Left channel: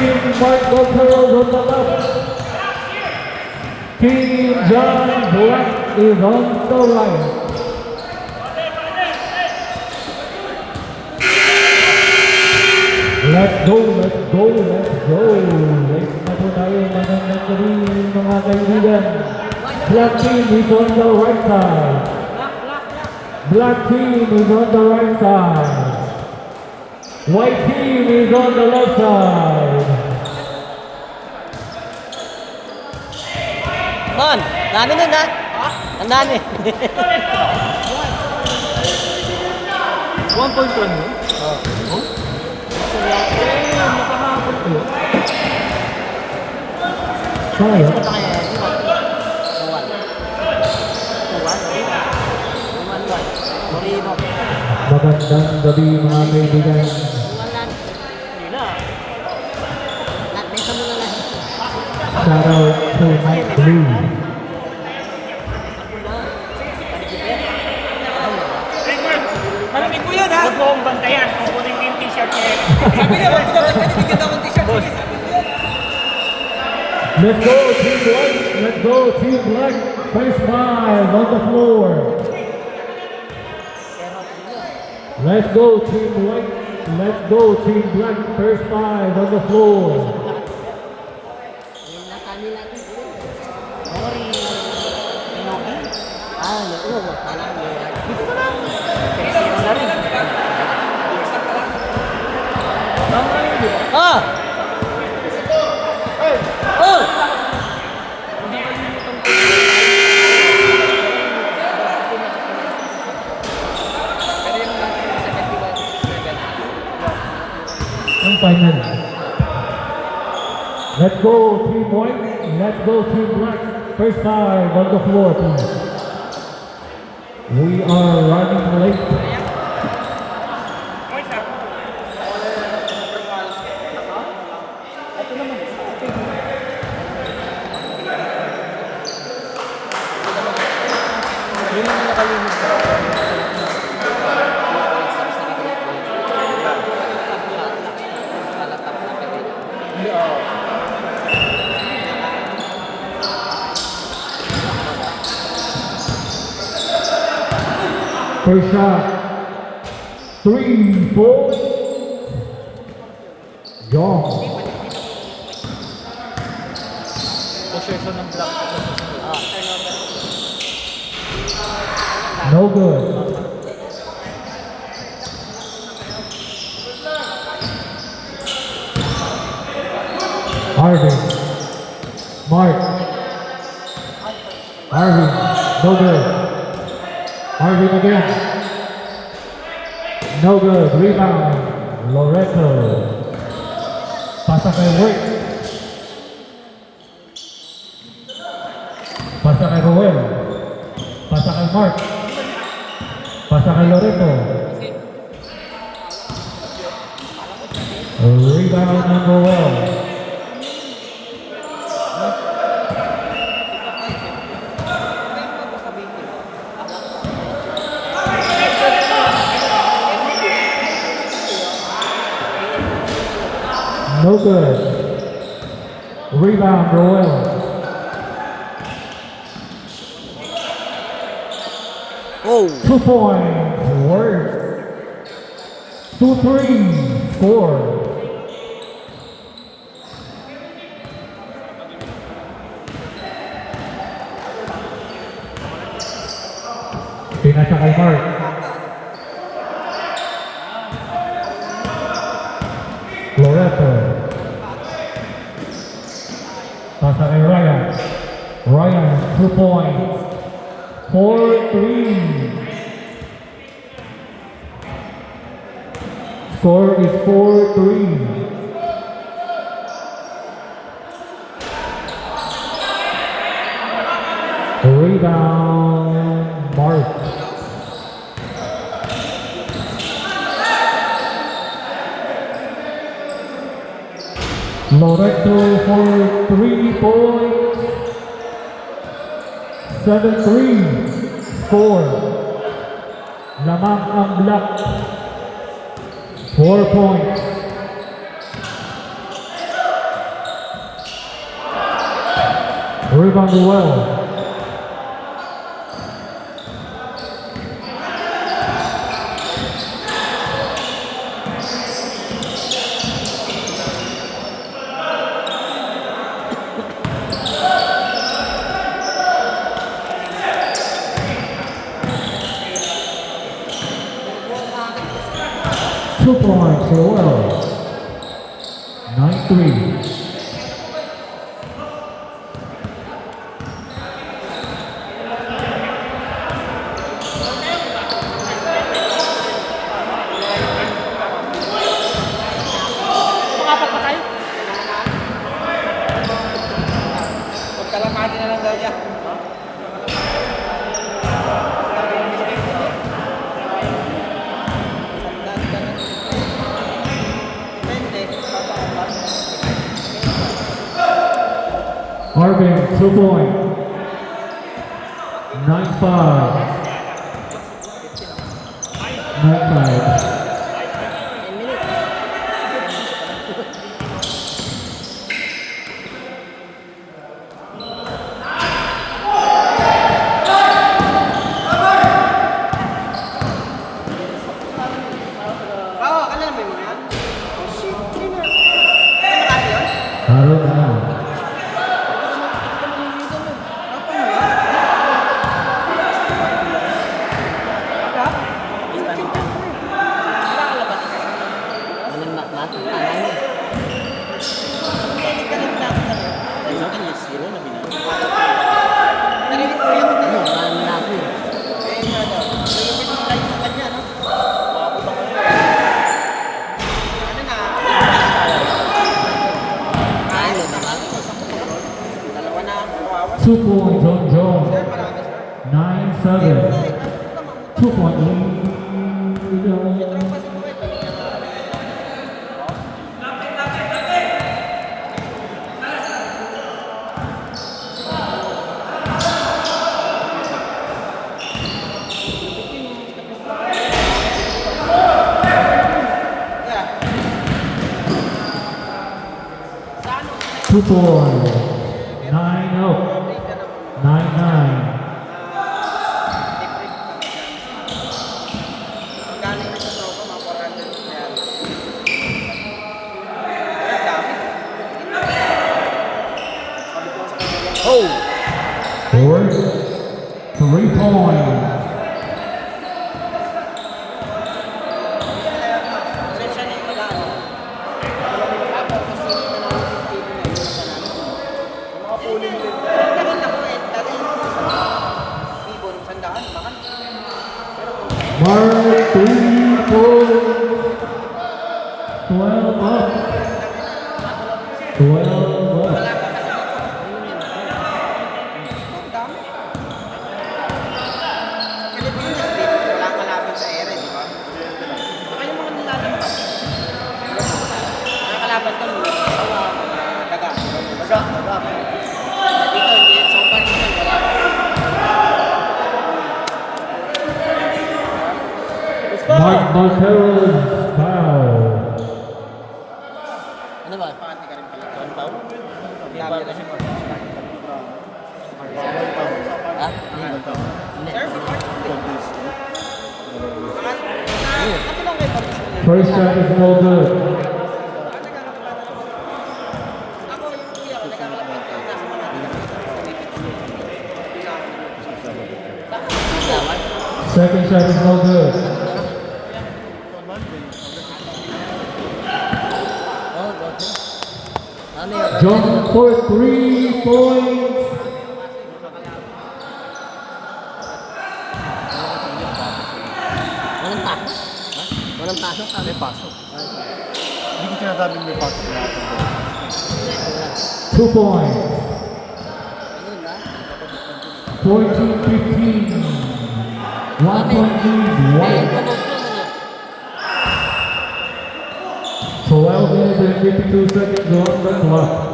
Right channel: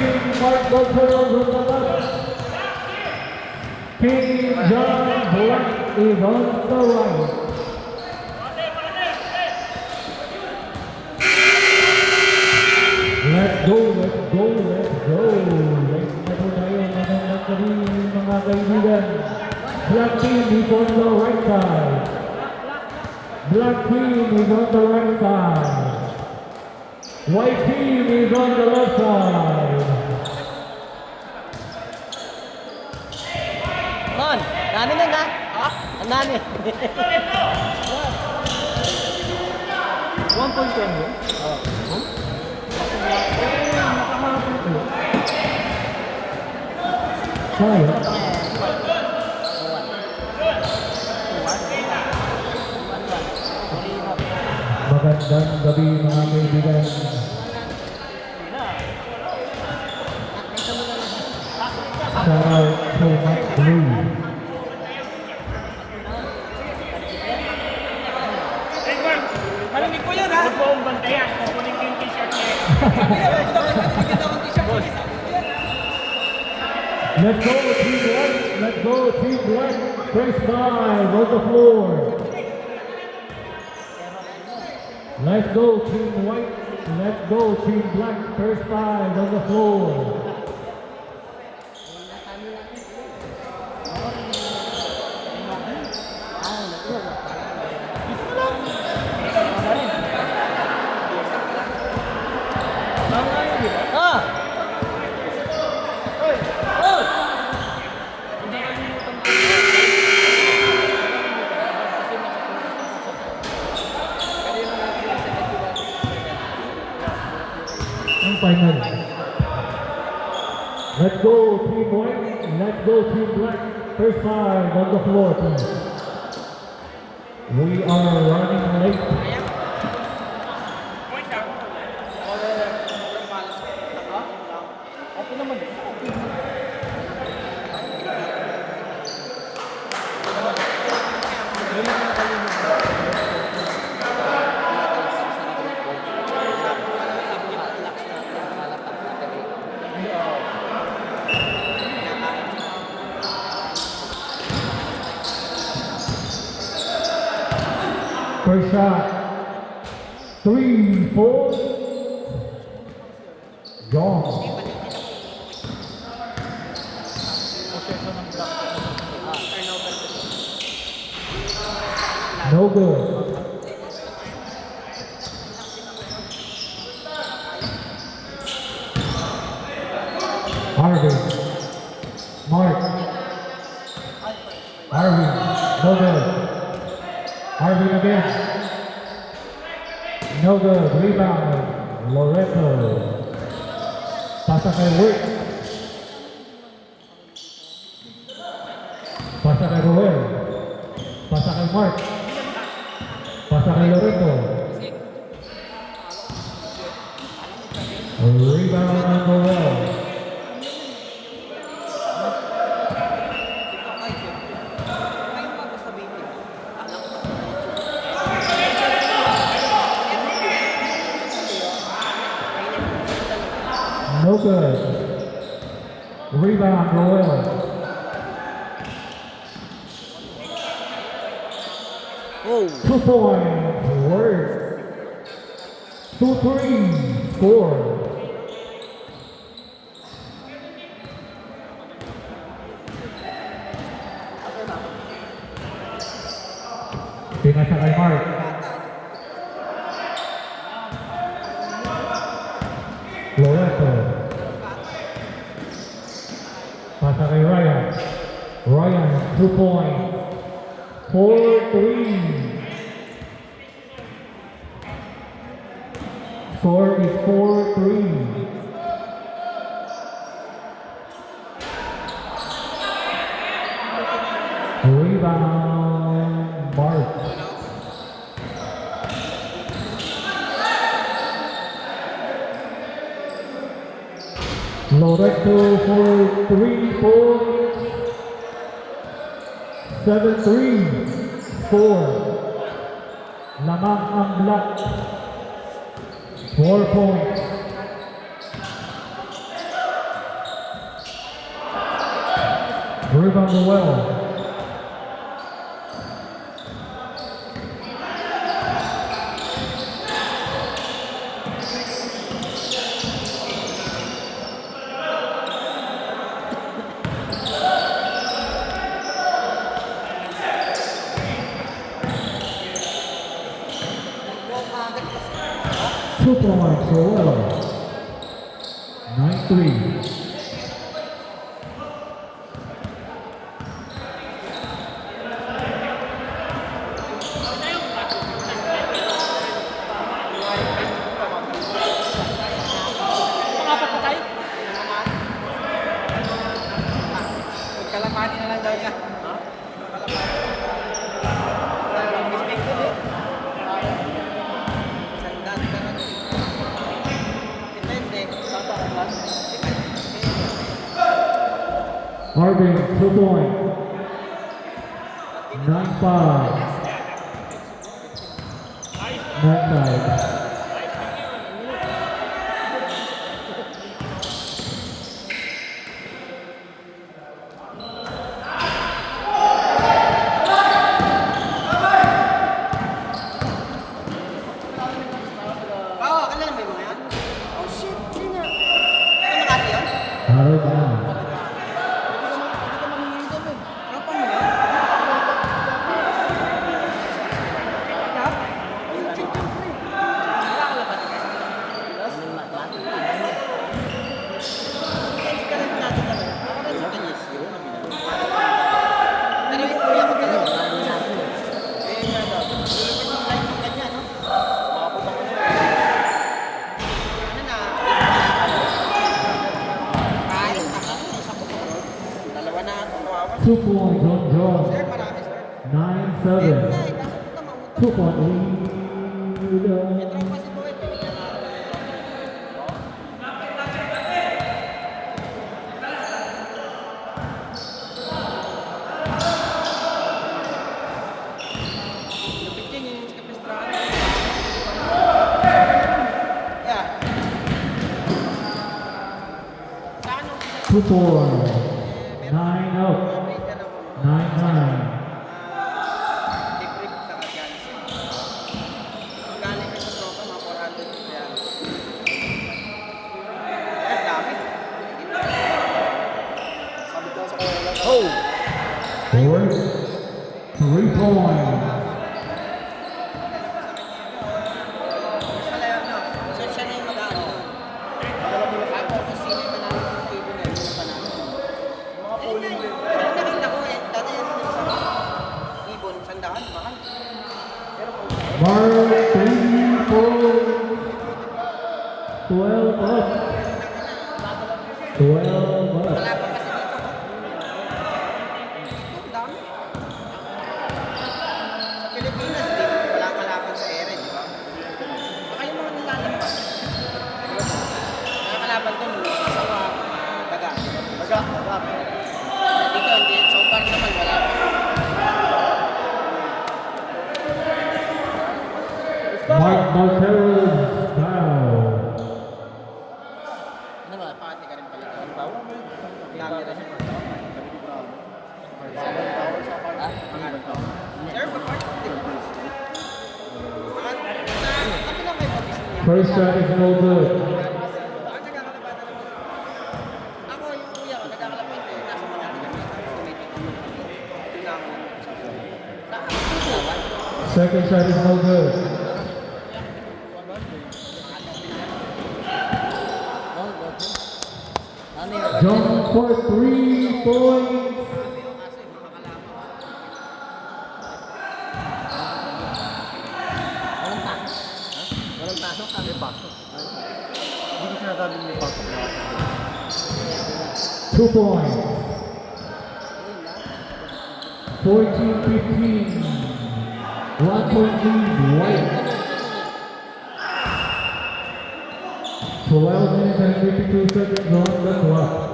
Team Mark Goldfield on the left. Team John Black is on the right. Let's go, let's go, let's go. Let's na po tayo magandang gabi mga kaibigan. Black team is on the right side. Black team is on the right side. White team is on the left side. Man, nani nun ha? Nani? 1.1 yun? Oh? Nakahapon ko yun. Kaya? Magandang gabi mga kaibigan. Shout out to Mike Blue. Maraming ko yun ha? Huwag ko akong bantayan. Kunin ko yung t-shirt niya. Sabi niya, wag ko daw bigyan daw ng t-shirt. Let's go Team White. Let's go Team Black. First five on the floor. Let's go Team White. Let's go Team Black. First five on the floor. Ah! Oh! Ang final. Let's go Team White. Let's go Team Black. First five on the floor, please. We are running late. First shot, 3 points, gone. No good. Harvey, Mark, Harvey, no good. Harvey again. No good. Rebound. Loreto. Pasa kay Wirt. Pasa kay Roel. Pasa kay Mark. Pasa kay Loreto. Rebound ng Roel. No good. Rebound, Roel. Oh! 2 points. Word. 2-3. Score. Pinasa kay Mark. Loreto. Pasa kay Ryan. Ryan, 2 points. 4-3. Score is 4-3. Rebound, Mark. Loreto for 3 points. 7-3. Score. Lamang ang Black. 4 points. Rebound well. Two points for well. 9-3. Pagkalamati na lang daw niya. Marvin, 2 point. 9-5. 9-5. Bawa ka lang, may mga. Oh shit, cleaner. Meron na. Two points on Jones. 9-7. 2 point lead. Two points. 9-0. 9-9. Oh! 3 points. Mark 3 points. 12 up. 12 up. Mark Marquez foul. Ano ba? First shot is no good. Second shot is no good. Jones for 3 points. Walang pasok. May pasok. Hindi ko sinasabing may pasok. 2 points. 14-15. 1 point lead. White. 12 minutes and 52 seconds on the clock.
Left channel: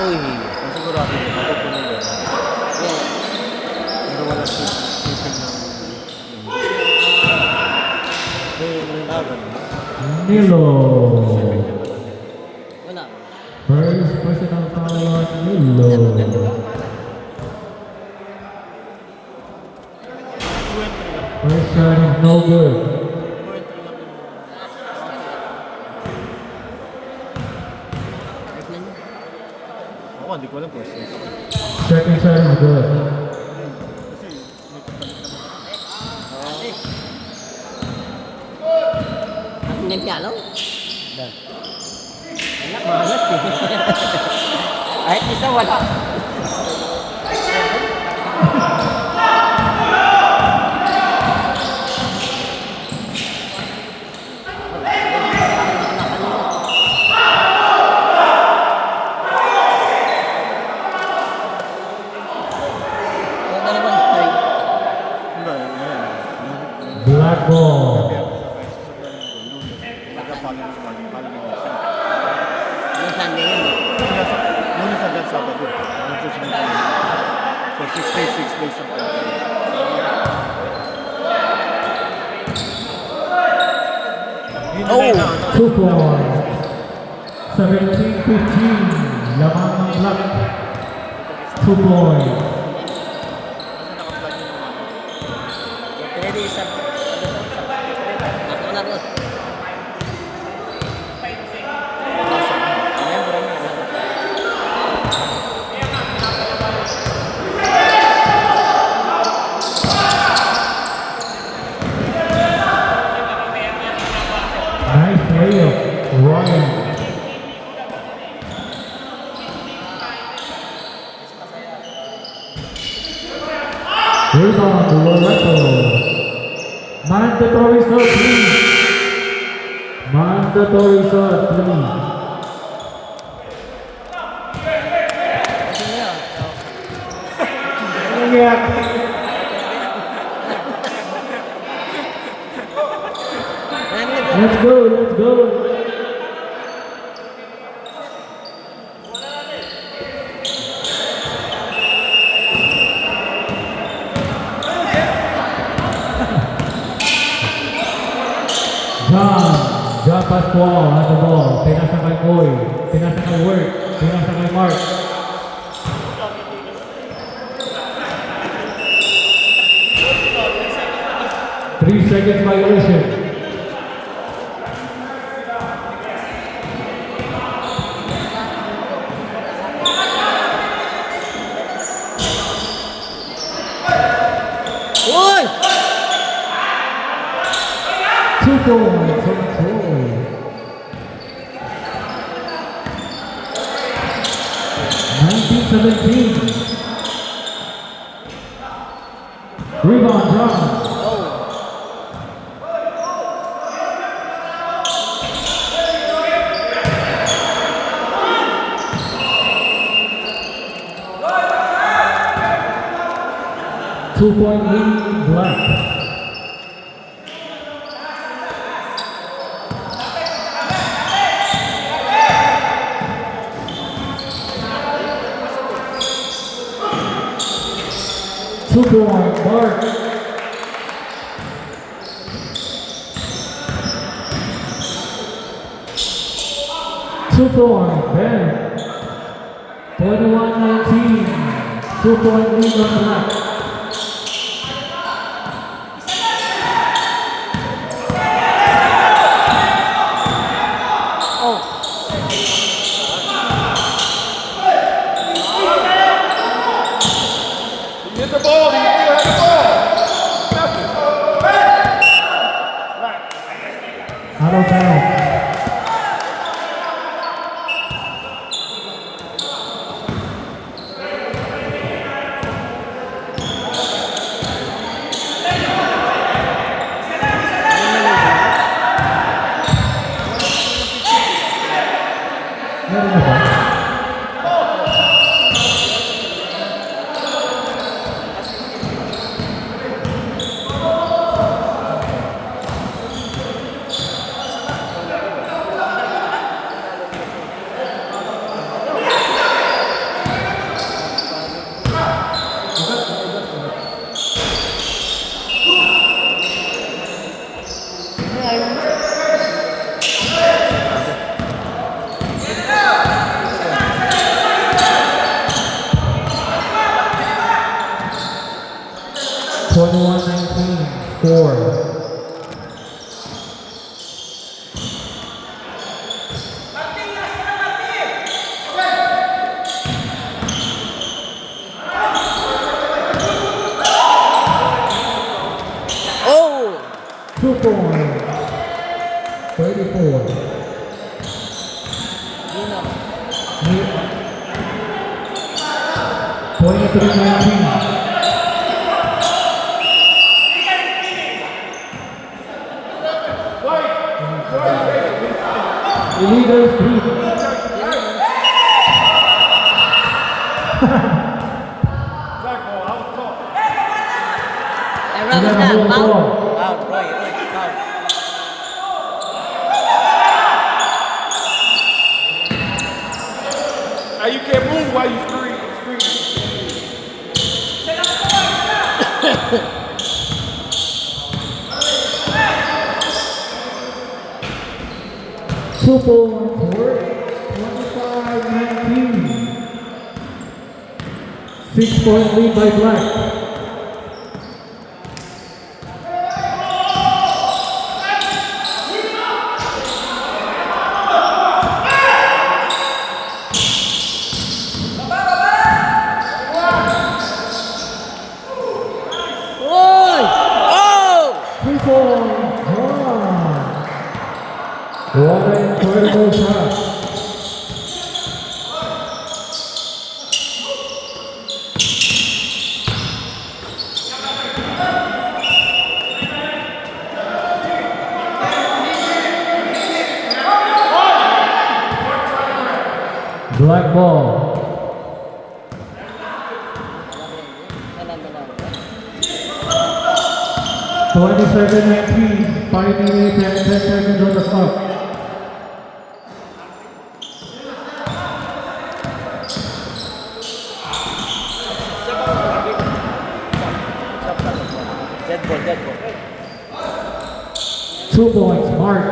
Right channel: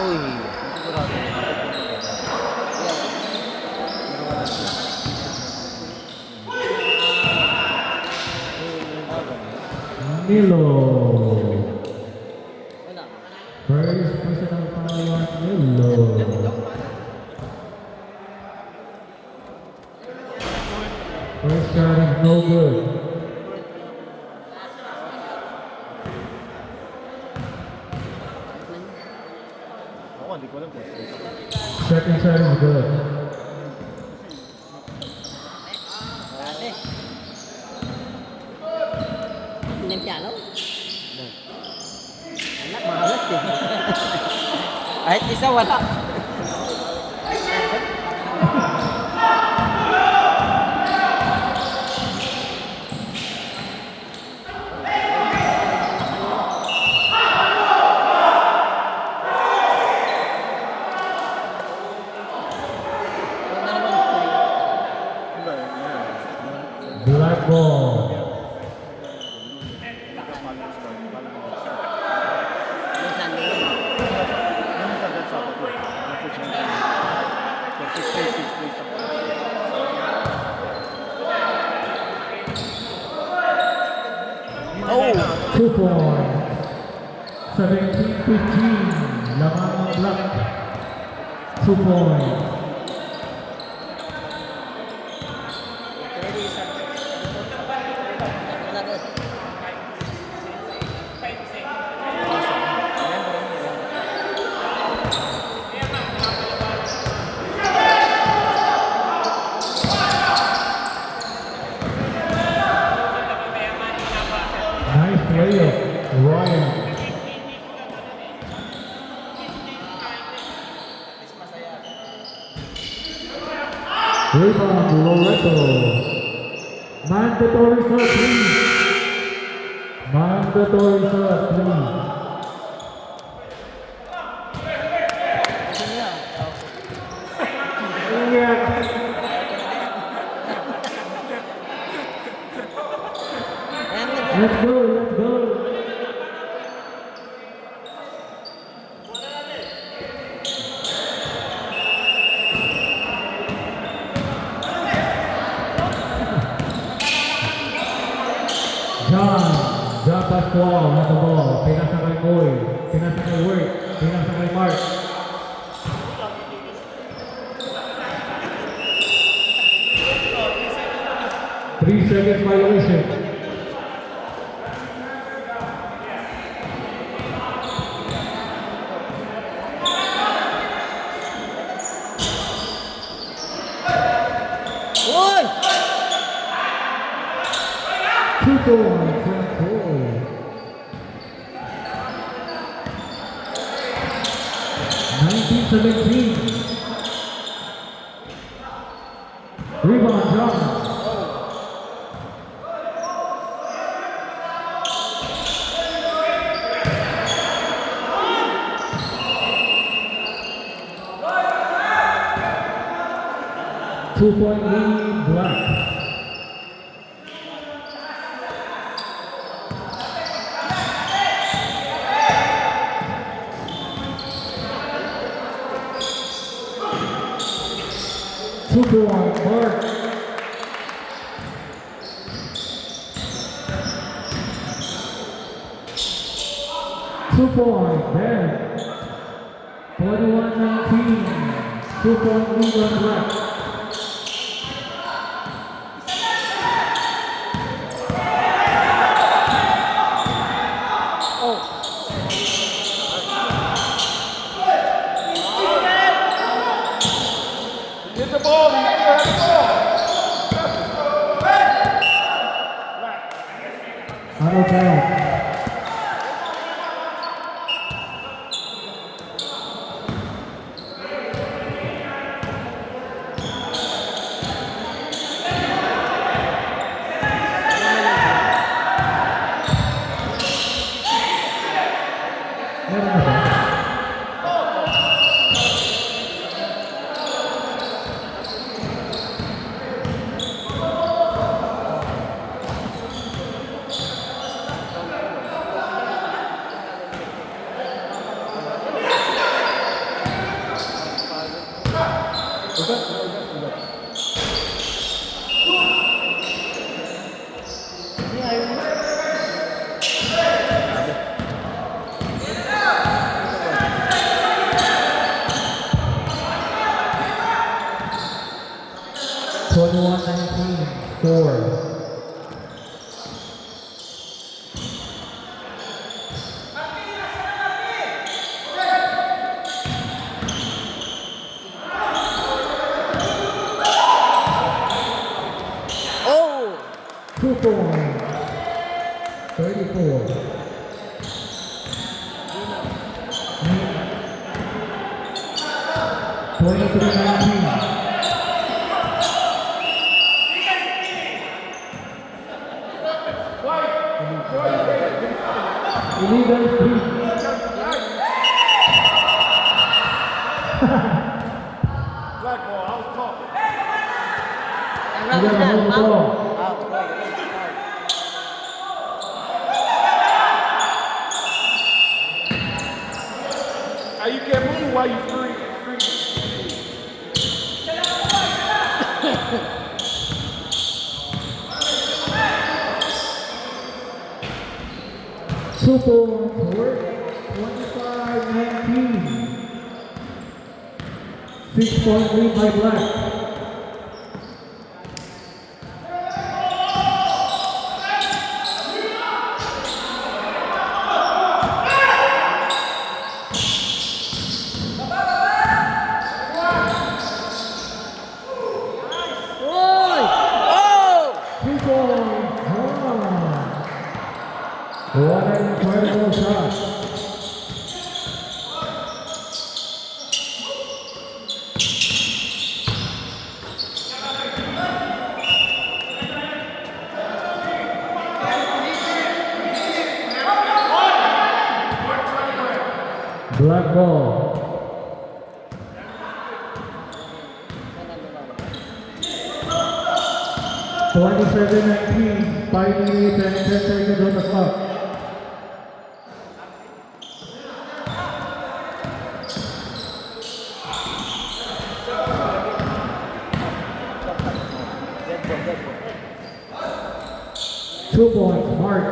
Uy, sigurado. Nilo. Wala. First personal foul on Nilo. First shot is no good. Ako, hindi ko alam kung sino. Second shot is good. Tingnan piano? Wala, mahalat eh. Kahit isa wala. Wala naman, tay. Black ball. Yung Sunday yun. Muna sa agad Sabado. Ang susunod na yun. For 6 days of Oh! 2 points. 17-15. Lamang ng Black. 2 points. Ready, sir. Ako na ko. Nice layup. Ryan. Rebound, Loretto. Mandatory shot, please. Mandatory shot, please. Gusto niya. Let's go, let's go. John Pascual has the ball. Pinasa kay Boy. Pinasa kay Work. Pinasa kay Mark. Three seconds violation. Uy! 2 points and 2. Rebound, John. Two-point lead, Black. Two-point, Mark. Two-point, Ben. 21-19. Two-point lead on Black. Out of bounds. 21-19 score. Oh! 2 points. 34. Nick. 23-19. Illegal street. Everyone Illegal na, ball. bang? You can't move while you scream. 2 points. Work. 25-19. 6-point lead by Black. Oy! Oh! 2 points. Draw. What an incredible shot. Black ball. 27-19, 5 minutes and 10 seconds on the clock. Dead ball. 2 points, Mark.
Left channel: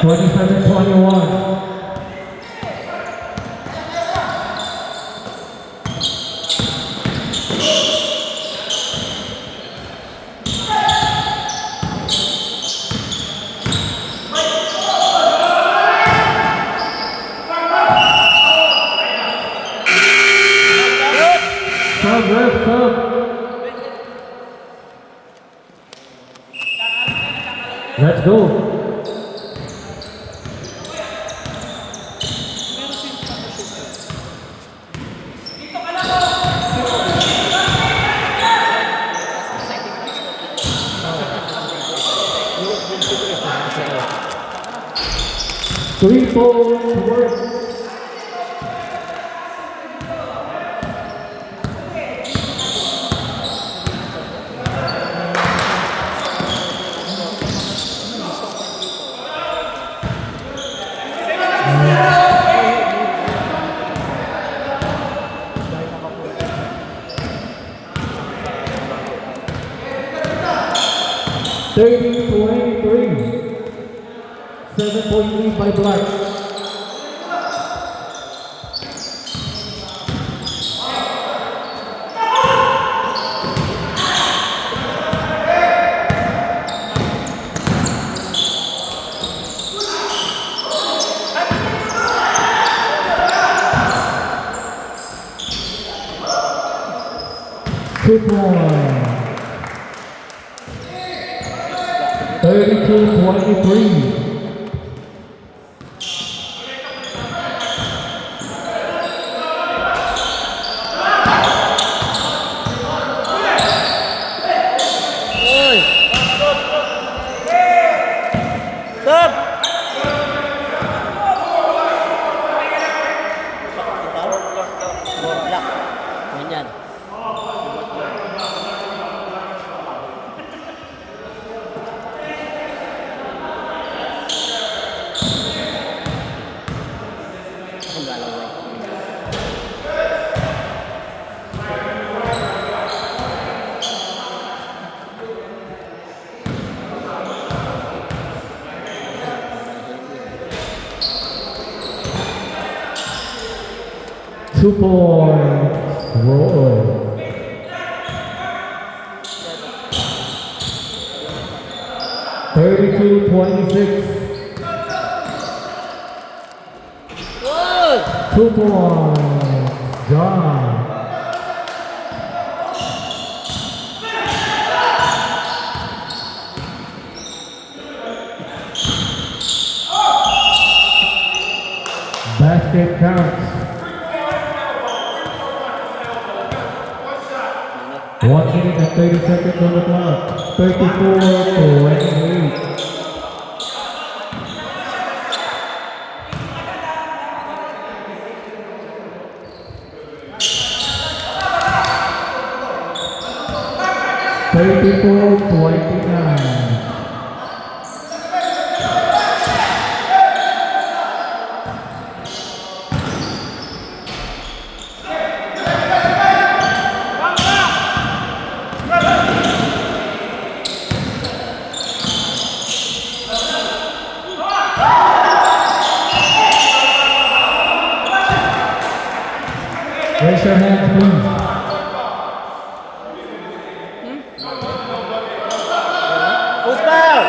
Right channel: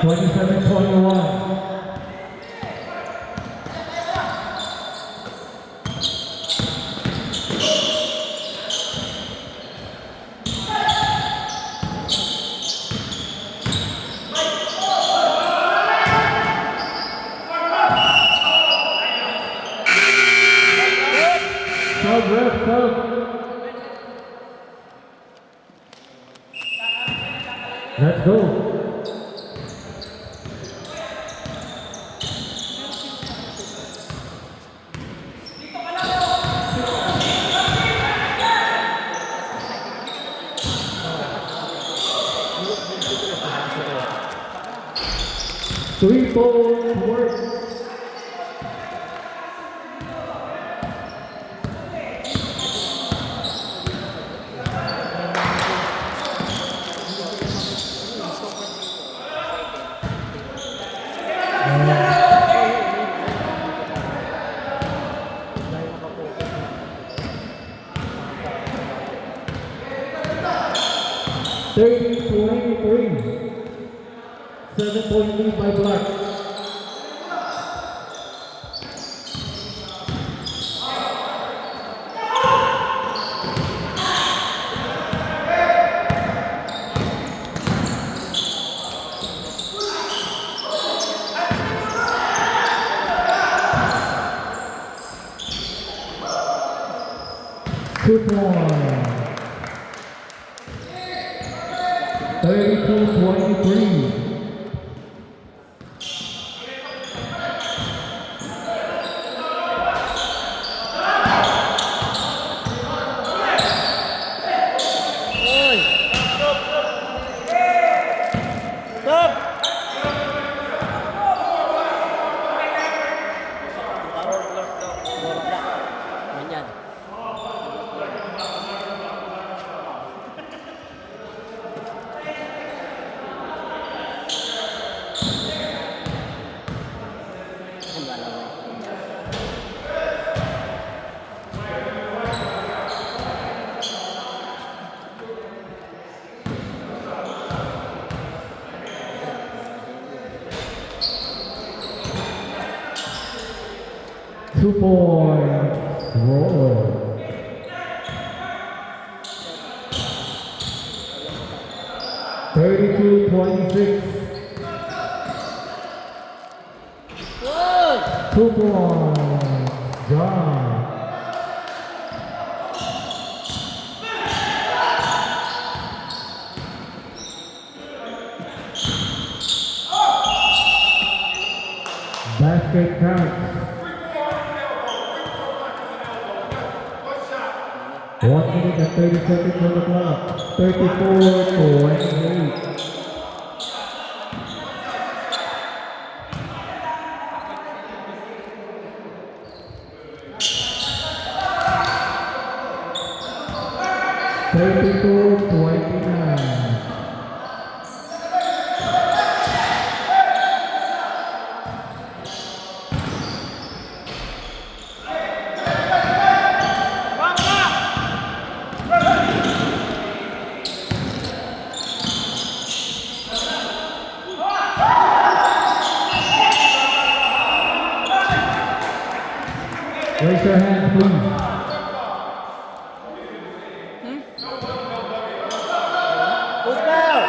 Twenty-seven, 21. Sub, ref, sub. Let's go. Three points work. Thirty, 23. 7-point lead by Black. Two points. 32-23. Oy! Stop! Black. Ganyan. Ang galaw eh. 2 points. Roll. Thirty-two, 26. Good! 2 points. John. Basket counts. 1 minute and 30 seconds on the clock. 34-28. Thirty-four, 29. Raise your hands, please. Who's foul?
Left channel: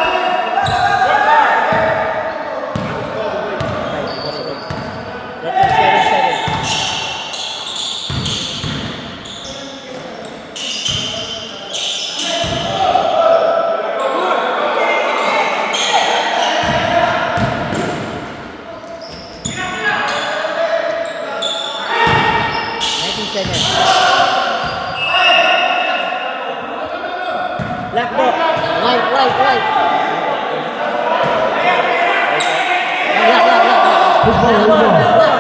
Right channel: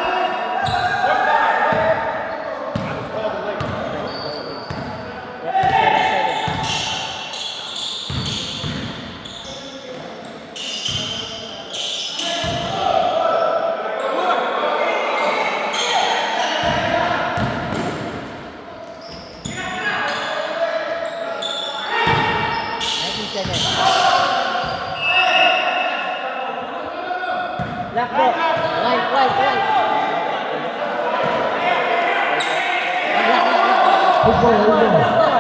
Left foot. Right. Who's ball?